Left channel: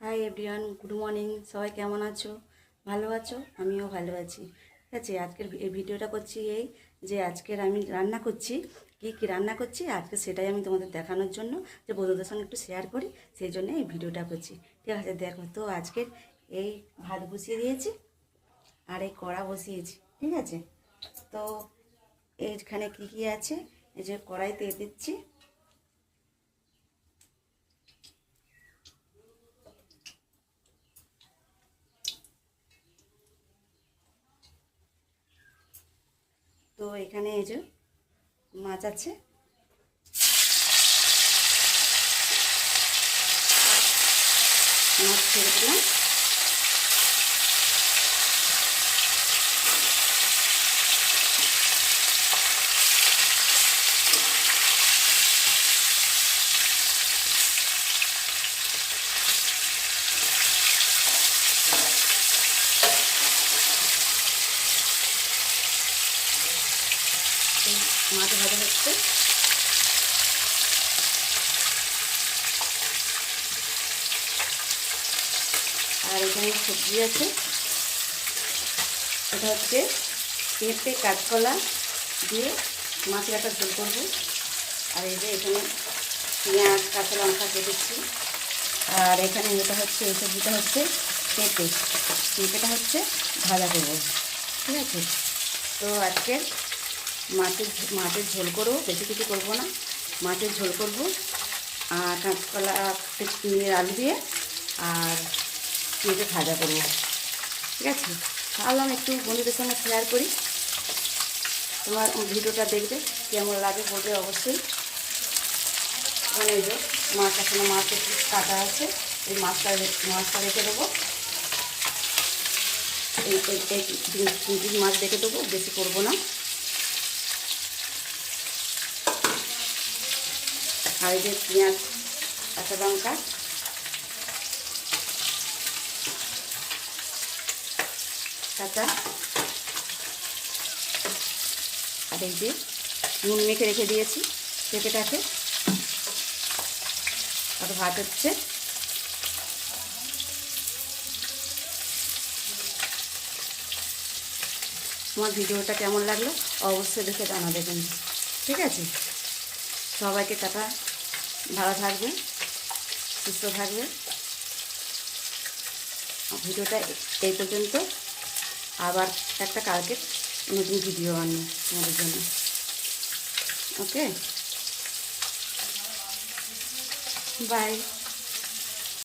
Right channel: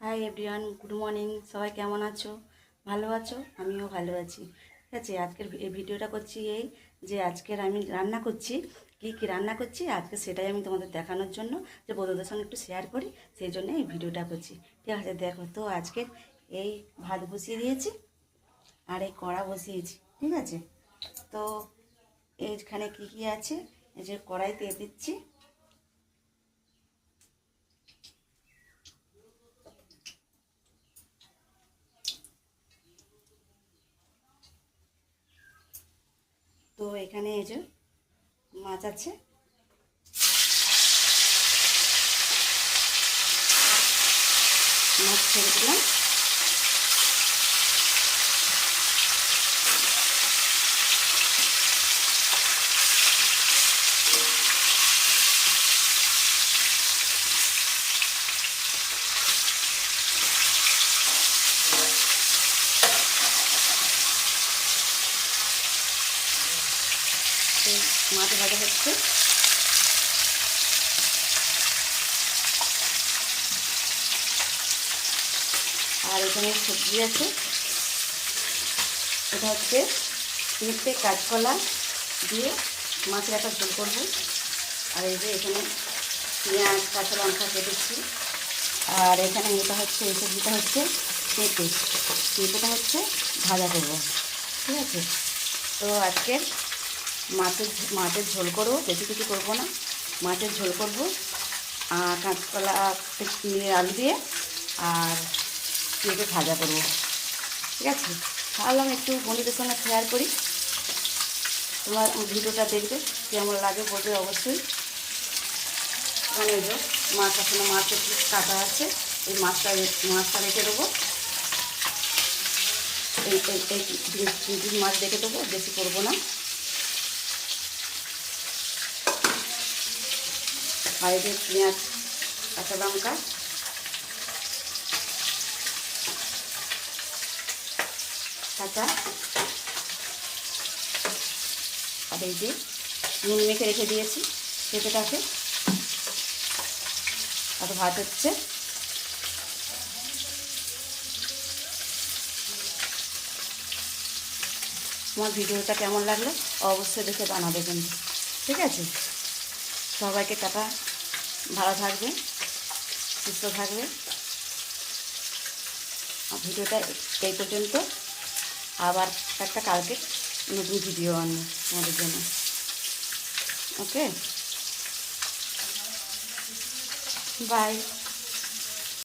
Hi everyone, good morning. সবাই কেমন আছো? ভালো আছো? আমিও ভালো আছি। ঠিক আছে, আজকের এই ভিডিওটা করছি এই যে আজকের আমি রান্না করছি, কী রান্না করছি আজকে সেটাই আমি তোমাদের দেখানোর জন্য, যে বন্ধুদের সঙ্গে একটু শেয়ার করি, সেই জন্য এই ভিডিওটা করছি। ঠিক আছে, দেখো তো আজকের এই ভাত বসিয়ে দিয়েছি আর এই কড়া বসিয়েছি। ঠিক আছে, তো এইখানে কী কী আছে, এই যে কড়াইতে দিচ্ছি তো এখানে এই যে মাছ আছে, মাছ ছেড়ে দিলাম। মাছ ভাজা হচ্ছে, আর এখানে সবজি আছে। এটা হচ্ছে পেঁপে কাঁচকলা দিয়ে মাছের একটা ঝোল করবো। আর এই যে এখানে পেঁয়াজ কাঁচা লঙ্কা কেটেছি। আর এখানে এটা হচ্ছে, এই সবজিটা হচ্ছে পেঁপেটা হচ্ছে ভাজা করব। ঠিক আছে, তো আজকে মাছের ঝোল করবো, বেশি কিছু করবো না, মাছের ঝোল করবো। আর কাঁচকলা আলু দিয়ে আর পেঁপে ভাজা করবো। ঠিক আছে, ভাবলাম একটু বন্ধুদের সঙ্গে শেয়ার করি। তোমার ভিডিওটা দেখবে, কেমন লাগে বলবে অবশ্যই। মানে এই যে মাছ, আসলে মাছ একটু কাটা আছে, এই মাছটা রেখে দেবো। এই মাছ রেখে দেবো, বেশি করবো না। আর এই যে পেঁয়াজ কাঁচা লঙ্কা, কাঁচা, আর এই যে নুন মেখে রেখে দিয়েছি পেঁপেটাকে। আর ভাত হচ্ছে। আমার ভিডিওটা কেমন লাগলো অবশ্যই দেখে জানাবে কিন্তু। ঠিক আছে, সবাইকে টাটা, ভালো থাকবে, সুস্থ থাকবে। ভিডিওটা এই পর্যন্ত, আবার একটা কালকে নতুন ভিডিও আনবো তোমাদের জন্য। ওকে, বাই।